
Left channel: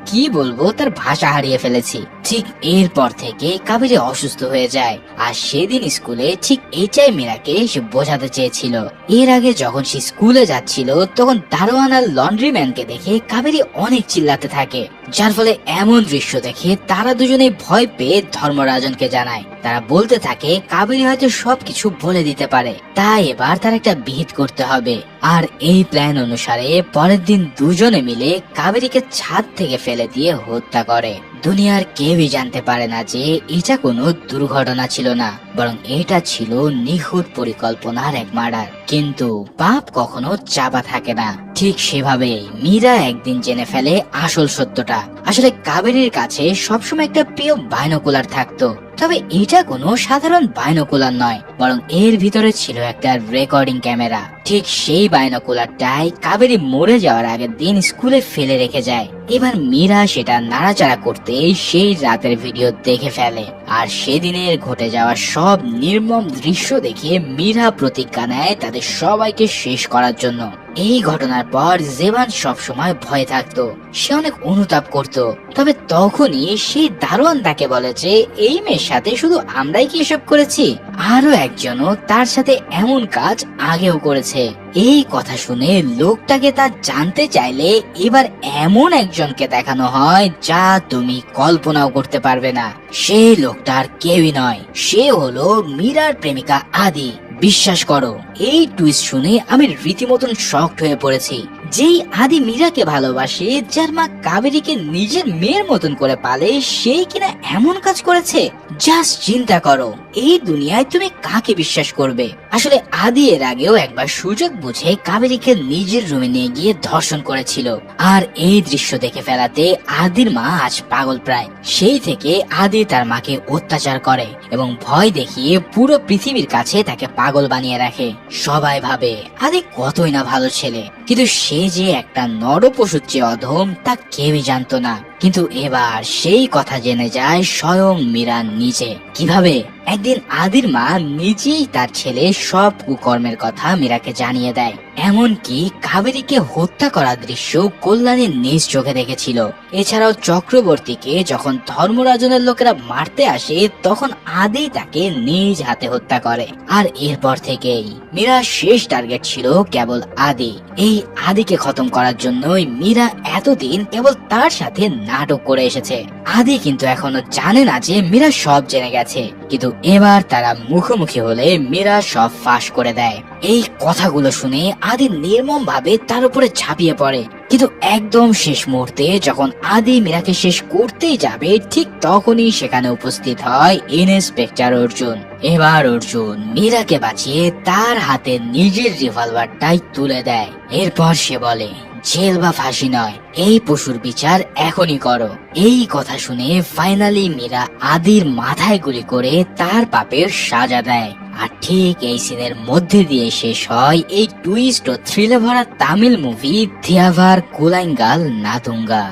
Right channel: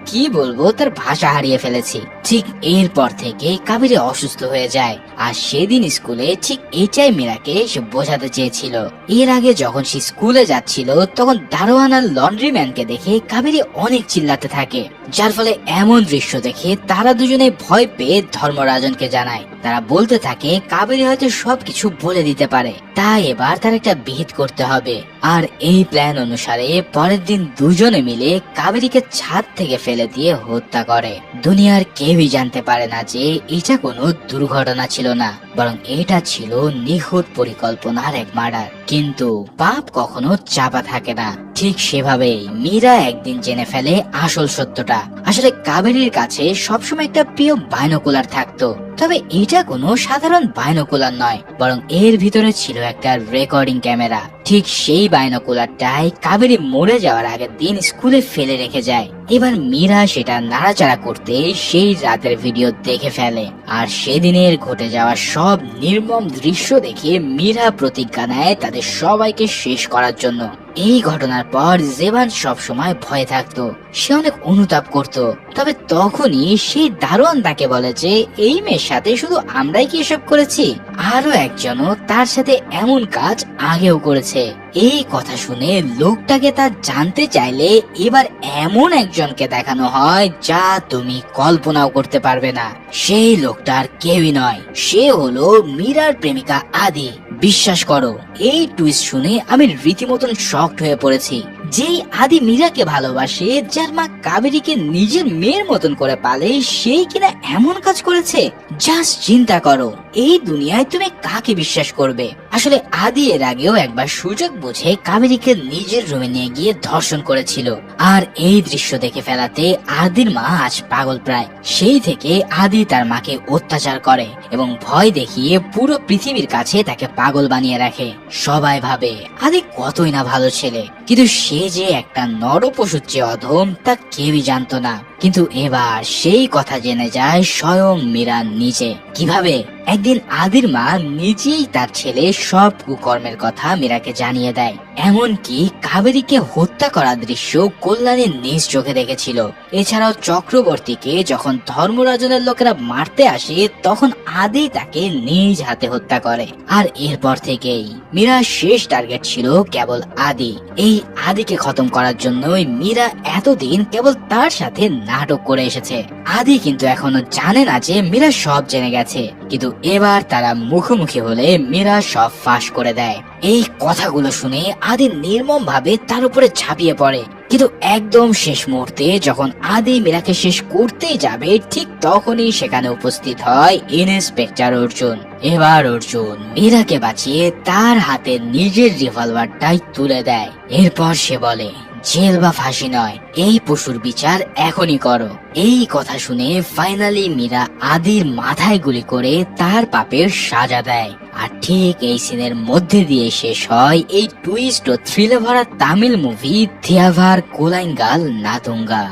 কি বলবো, তার ভাষা হারিয়ে ফেলেছি। ঠিক এরপর থেকে কাবেরী অসুস্থ হয়ে যায়, আর সেদিন স্কুলে ঠিক এটাই মীরাকে সে বোঝাতে চেয়েছিল। এর আগে যখন সে স্কুলে যাচ্ছিল, তখন দারোয়ান আর লন্ড্রি ম্যানকে দেখে কাবেরী অনেক চিল্লাতে থাকে, যার ফলে এমন দৃশ্য দেখে তারা দুজনে ভয় পেয়ে ধর্মরাজনকে জানায়। তারা বলতে থাকে কাবেরী হয়তো সবকিছু বলে দিতে পারে, তাই এবার তার একটা ভেদ করতে হবে। আর এই প্ল্যান অনুসারে পরের দিন দুজনে মিলে কাবেরীকে ছাদ থেকে ফেলে দিয়ে হত্যা করে। দুনিয়ার কেউই জানতে পারে না যে এটা কোনো দুর্ঘটনা ছিল না, বরং এটা ছিল নিখুঁত পরিকল্পনার এক মার্ডার। কিন্তু পাপ কখনো চাপা থাকে না, ঠিক সেভাবেই মীরা একদিন জেনে ফেলে আসল সত্যটা। আসলে কাবেরীর কাছে সবসময় একটা প্রিয় বাইনোকুলার থাকতো, তবে এটা কোনো সাধারণ বাইনোকুলার নয়, বরং এর ভিতরে ছিল একটা রেকর্ডিং ক্যামেরা। ঠিক সেই বাইনোকুলারটাই কাবেরী মরে যাওয়ার আগের দিন স্কুলে ফেলে রেখে যায়। এবার মীরা সেটা নাড়াচাড়া করতে সেই রাতের ভিডিও দেখে ফেলে, আর সেদিনের ঘটে যাওয়া সব নির্মম দৃশ্য দেখে মীরা প্রতিজ্ঞা নেয় তাদের সবাইকে শেষ করার জন্য। এই ঘটনার পর জেবান সব সময় ভয়ে থাকতো, সে অনেক অনুতাপ করত। তবে তখনই সেই দারোয়ান তাকে বলে যে এই মেয়ের সাথে শুধু আমরাই কি এসব করেছি, আরো একজনও তার সাথে এমন কাজ আগেও করেছে। এই কথা শুনে লোকটাকে তা জানতে চাইলে এবার এমন একজনকে দেখানো হয় যা তুমি কল্পনাও করতে পারবে না। সেই লোকটার কেউই নয়, সে হলো মীরার প্রেমিকা আদি। বিশ্বাস করো, এই টুইস্ট শুনে আমি রীতিমতন শকড হয়ে পড়েছি। যেই আদি মীরাকে ভালোবাসে, যার মা কাবেরীকে নিজের মেয়ের মতন করে পালে, সেই কিনা এমন কাজ করেছে। জাস্ট চিন্তা করো, এই দুনিয়ায় তুমি কাকে বিশ্বাস করবে? আসলে আদি এর আগেও একবার সুযোগ বুঝে কাবেরীকে নিজের রুমে নিয়ে গিয়ে ধর্ষণ করেছিল, আর এই দৃশ্য দেখে ফেলাতে আদির মা আজ পাগল প্রায়। সেই থেকে আদি তার মাকে অত্যাচার করে এবং ভয় দেখিয়ে পুরো পৃথিবীর কাছে তাকে পাগল বানিয়ে রাখে। সবাই ভাবে আদি কতই না ভালো ছেলে, কিন্তু সে যে একটা নরপশুর চেয়ে অধম তা কেউই জানতো না। কিন্তু এবার সেই কথা জেনে যায় স্বয়ং মীরা নিজে। কিভাবে? একদিন আদির মা নিজেই তার ছেলে সব কুকর্মের কথা মীরাকে জানিয়ে দেয়। এমনকি কাবেরীকে হত্যা করার দৃশ্য কল্যাণী নিজ চোখে দেখেছিল। এছাড়াও চক্রবর্তীকে যখন ধর্মরাজনের লোকেরা মারতে আসে, তখন আদি তাকে নিজ হাতে হত্যা করে। আর এরপর থেকেই মীরার শেষ টার্গেট ছিল কেবল আদি। এই আদিকে খতম করার জন্যই মীরা এতদিন কেবল তার সাথে নাটক করে এসেছে। আদি কিন্তু এখনো জানে না যে মীরা সব জেনে গেছে, কিন্তু এবার তারা মুখোমুখি হলে মীরা সব ফাঁস করে দেয়। এই কথাগুলো শুনে আদি নির্মম ভাবে তার উপরে ঝাঁপিয়ে পড়ে, কিন্তু একদম শেষ মুহূর্তে যখন আদি মীরাকে শেষ করতেই যাবে, ঠিক তখনই সেখানে উপস্থিত হয় ইন্সপেক্টর অর্জুন। এবার অর্জুন মীরাকে বাঁচিয়ে তার হাতে নিজের রিভলভারটাই তুলে দেয়। এরপর সে বলে, জেল বা ফাঁসি নয়, এই পশুর বিচার এখনই করো। এই কথা শুনে ফাইনালি মীরা আদির মাথায় গুলি করে তার পাপের সাজা দেয়। আর ঠিক এই সিনের মধ্যে দিয়ে শেষ হয় এই টুইস্ট ও থ্রিলার ভরা তামিল মুভি থিয়াভার কুলাইঙ্গাল নাতুঙ্গা।